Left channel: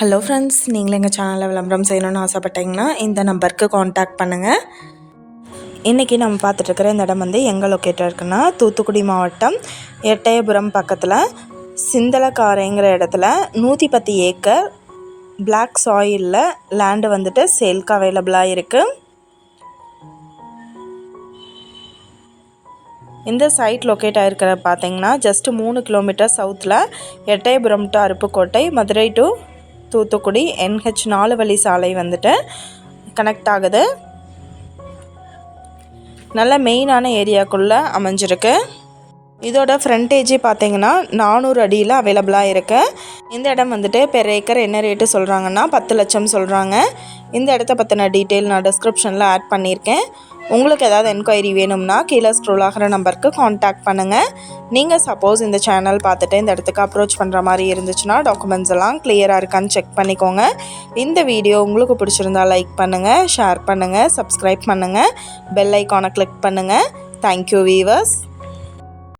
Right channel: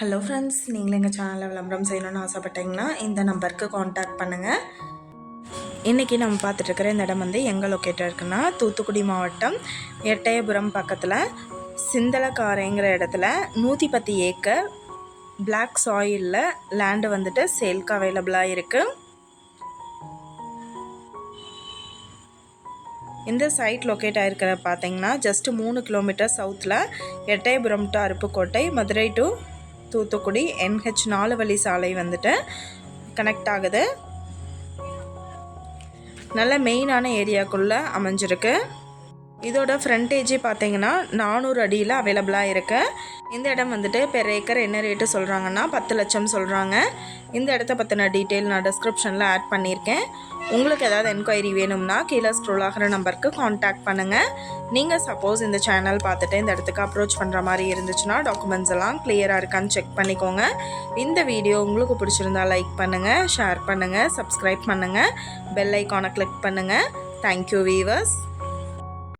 Hello friends, நீங்களும் எங்கள் சேனலில் விளம்பரம் செய்யணும்னு ஆசைப்பட்டீங்கன்னா இந்த நம்பருக்கு காண்டாக்ட் பண்ணுங்கள். இன்றைக்கி நம்ம பார்த்துட்ருக்கிற இந்த இடம் வந்து எங்கே லொக்கேட்டாக இருக்குன்னா, தூத்துக்குடி மாவட்டம் எட்டயபுரம் பக்கத்தில் சிந்தலக்காரைங்கிற இடத்துல 110 ஏக்கர் பிளாக் சாயிலில் லேண்டு வந்துட்டு சேல்க்கு அவைலபிளாக இருக்குது. இந்த சைட் லொக்கேட் ஆகிருக்கிற பார்த்தீங்கன்னா ஜஸ்ட்டு 3 கிலோமீட்டர் சவுத்தில் Ettayapuram to Aruppukottai, Madurai to Thoothukudi NH 4 வழி சாலை வந்துட்டு கனெக்ட் ஆகுது. நல்ல மெயினான ஏரியாக்குள்ளே அமைஞ்சிருக்கு. இதோட ஃப்ரண்டேஜ் பார்த்தீங்கன்னா 400 அடியில் அவைலபிளாக இருக்குது. இந்த இடம் வந்துட்டு பெர் ஏக்கர் என்ன ரேட்டு சொல்கிறாங்கன்னா 10 லட்சம் சொல்கிறாங்க. இந்த இடத்த பற்றின டீட்டெயில் நான் டிஸ்கிரிப்ஷனில் ஆட் பண்ணியிருக்கேன். உங்களுக்கு ஏதாவது என்கொயரி வேணும்னா கீழே ஸ்க்ரோல் ஆகிற நம்பருக்கு காண்டாக்ட் பண்ணுங்கள். நீங்கள் சப்போஸ் இந்த சேனல் பார்த்துட்டு இந்த இடத்துக்கு அப்ரோச் பண்ணுற மாதிரி இருந்துச்சுன்னா டாக்குமெண்ட்ஸ் எல்லாம் கிளியராக இருக்கான்னு செக் பண்ணிக்கோங்க. இந்த வீடியோ உங்களுக்கு பிடிச்சிருந்தா லைக் பண்ணுங்கள், ஷேர் பண்ணுங்கள், சப்ஸ்கிரைப் பண்ணுங்கள், பெல் ஐக்கானை கிளிக் பண்ணுங்கள். Thank you viewers.